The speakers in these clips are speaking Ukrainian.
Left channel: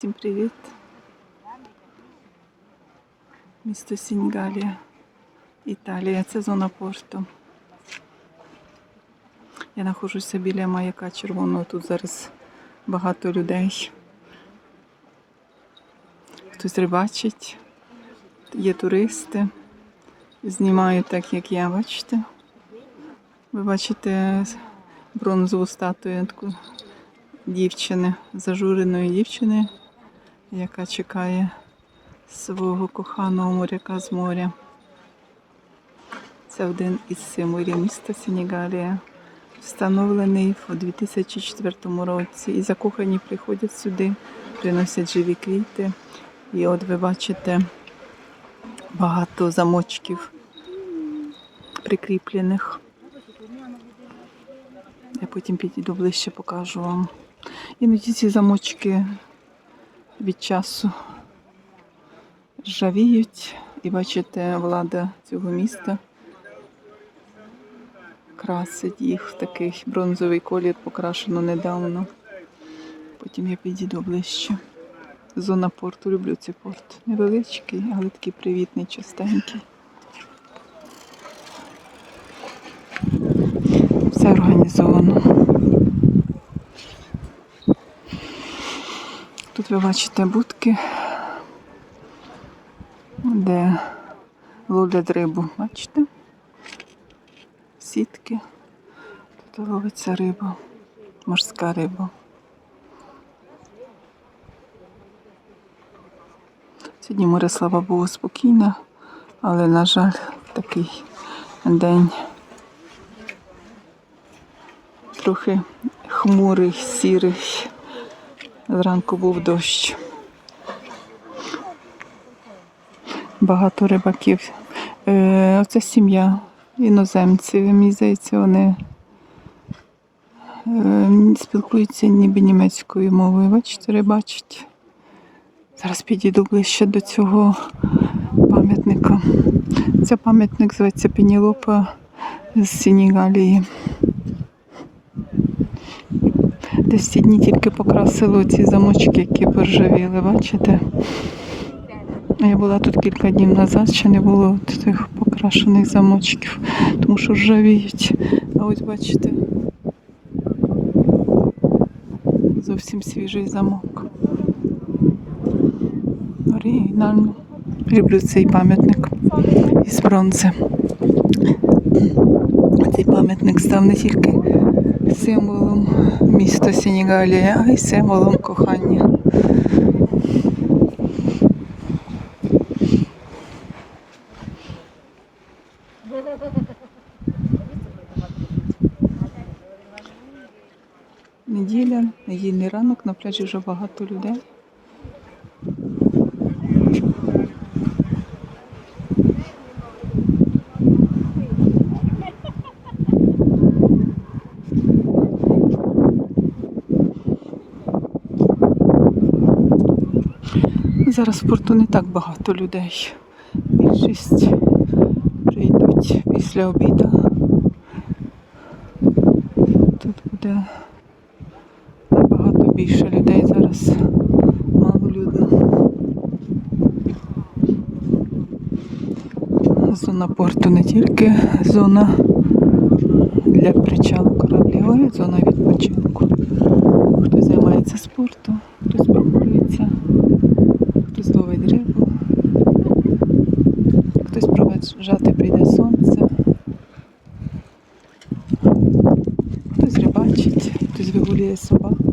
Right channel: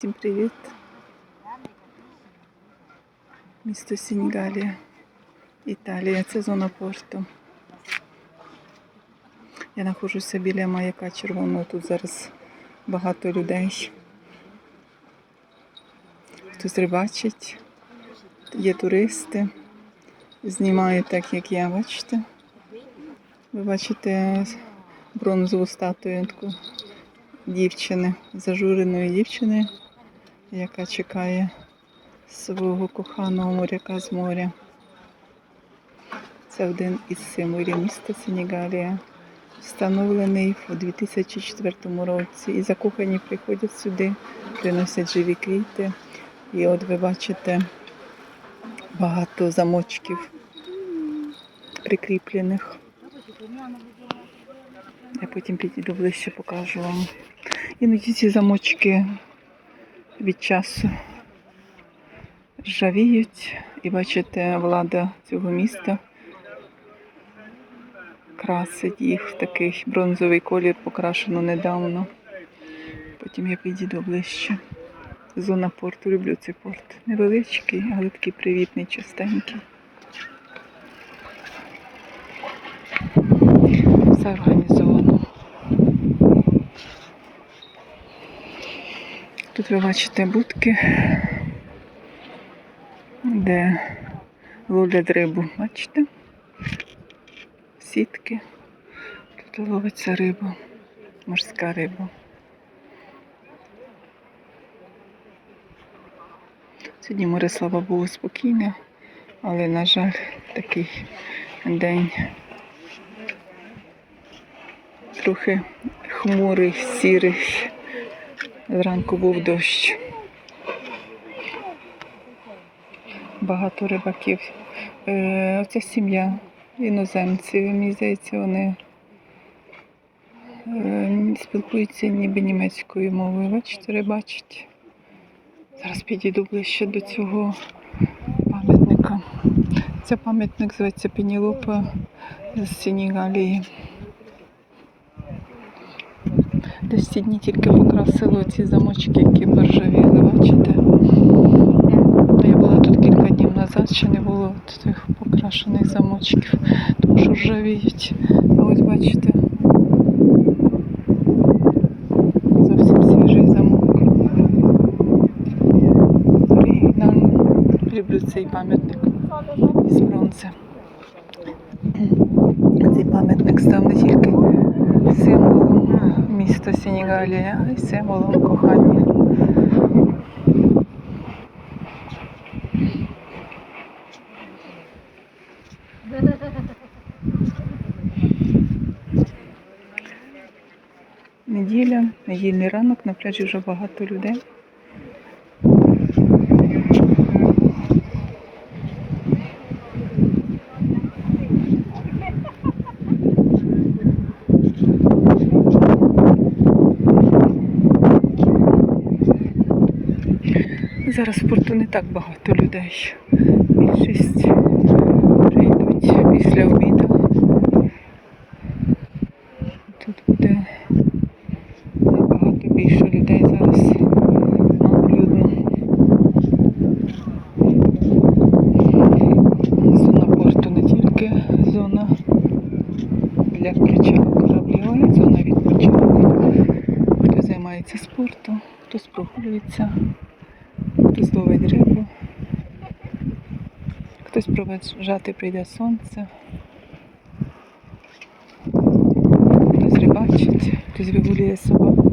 Всім привіт! Місто Сінгалія, Італія. Це зона порту. Я знаходжуся біля маяка червоного. Тут зараз багато людей. Хтось рибачить, є туристи. Знімаю так, як я, бачите. Ви бачите бронзову статуєтку дівчини, зажуреної дівчини, яка чекає свого коханого моряка з моря. Це один із символів міста Сенегалія, встановлений у 2004 році. І закохані приходять сюди, приносять живі квіти. І от ви бачите багато замочків прикріплених. Я потім підійду ближче, покажу вам. Іноді ці замочки від часу ржавіють. І бачите, влада цього міста красить їх в такий бронзовий колір, покрашено недавно. Потім я підійду ближче. Зона порту. Люблю цей порт. Невеличкий, але такий привітний, чистенький. Все організовано. Тут ви бачите будки, де ловлять рибу. Бачите? Сітки. Тут ловиться риба, морська риба. Сьогодні море, слава Богу, спокійне, але, на жаль, такий день трохи хмурий, сірий. Зранку був дощ. Багато рибаків. Е, Оце сім'я іноземців. Мені здається, вони е, спілкуються ніби німецькою мовою. Бачите, рибачать. Зараз підійду ближче до цього пам'ятника. Це пам'ятник зветься Пенілопа з Десь ці дні тільки покрасили ці замочки, які поржавіли, бачите? Я була тут кілька днів назад, ще не було тих покрашених замочків, тому що ржавіють. А ось бачите, зовсім свіжий замок. Оригінально. Люблю цей пам'ятник із бронзи. Цей пам'ятник став не тільки символом міста Сенегалія, і символом кохання. Неділя, недільний ранок, на пляжі вже багато людей. Зараз в порту не так багато людей. Більшість вже йдуть після обіду. Тут буде набагато більше людей зараз. Малолюдно. Зона порту не тільки зона для причалу кораблів, а й зона відпочинку. Хто займається спортом, хтось прогулюється. Хтось ловить рибу, хтось проведжати прийде сонце, хтось рибачить, хтось вигулює собак.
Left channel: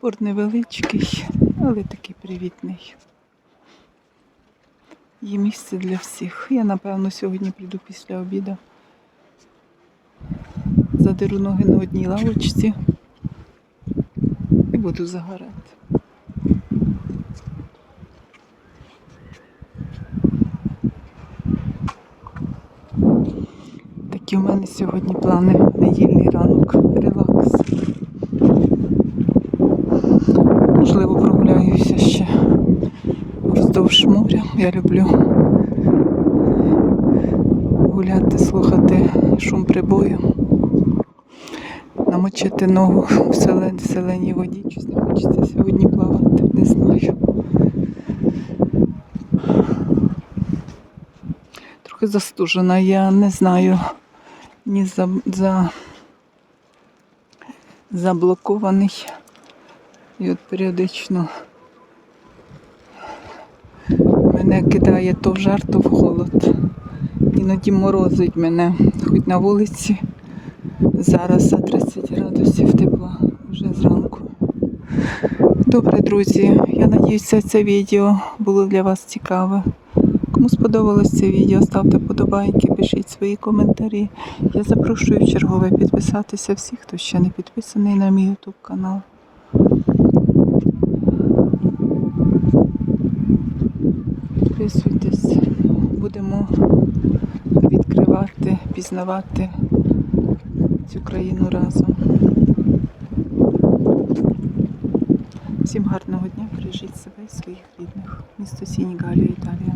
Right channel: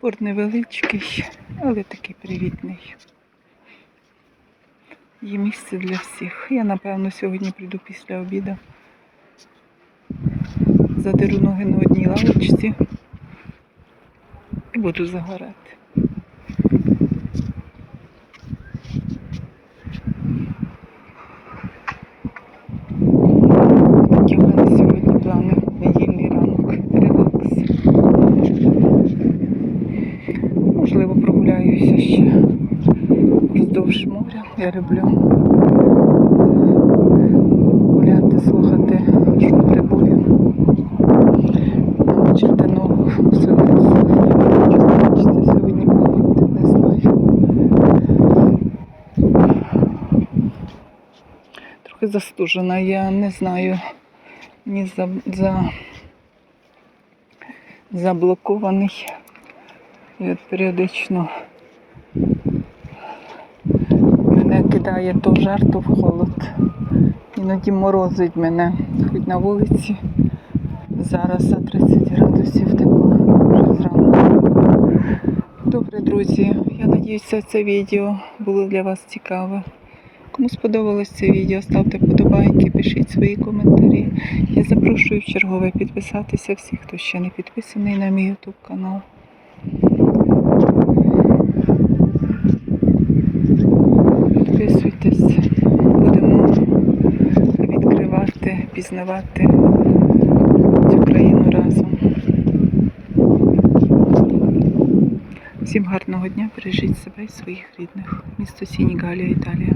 Порт невеличкий, але такий привітний. Є місце для всіх. Я, напевно, сьогодні прийду після обіду. Задеру ноги на одній лавочці буду загорати. Такі у мене сьогодні плани недільний ранок, релакс. Можливо, прогуляюся ще вздовж моря. Я люблю гуляти, слухати шум прибою, ставити ногу в селені воді. Чесно, хочеться сьогодні плавати, не знаю. Трохи застужена, я не знаю. Ні за, за заблокований. І от періодично мене кидає то в жар, то в холод. Іноді морозить мене, хоч на вулиці. Зараз за 30 градусів тепла вже зранку. Добре, друзі, я надіюся, це відео було для вас цікаве. Кому сподобалось це відео, ставте подобайки, пишіть свої коментарі. Я запрошую в чергове підписатися всіх, хто ще не підписаний на мій YouTube канал. Підписуйтесь, будемо відкривати, пізнавати цю країну разом. Всім гарного дня, бережіть себе і своїх рідних. Місто Сінігалія, Італія.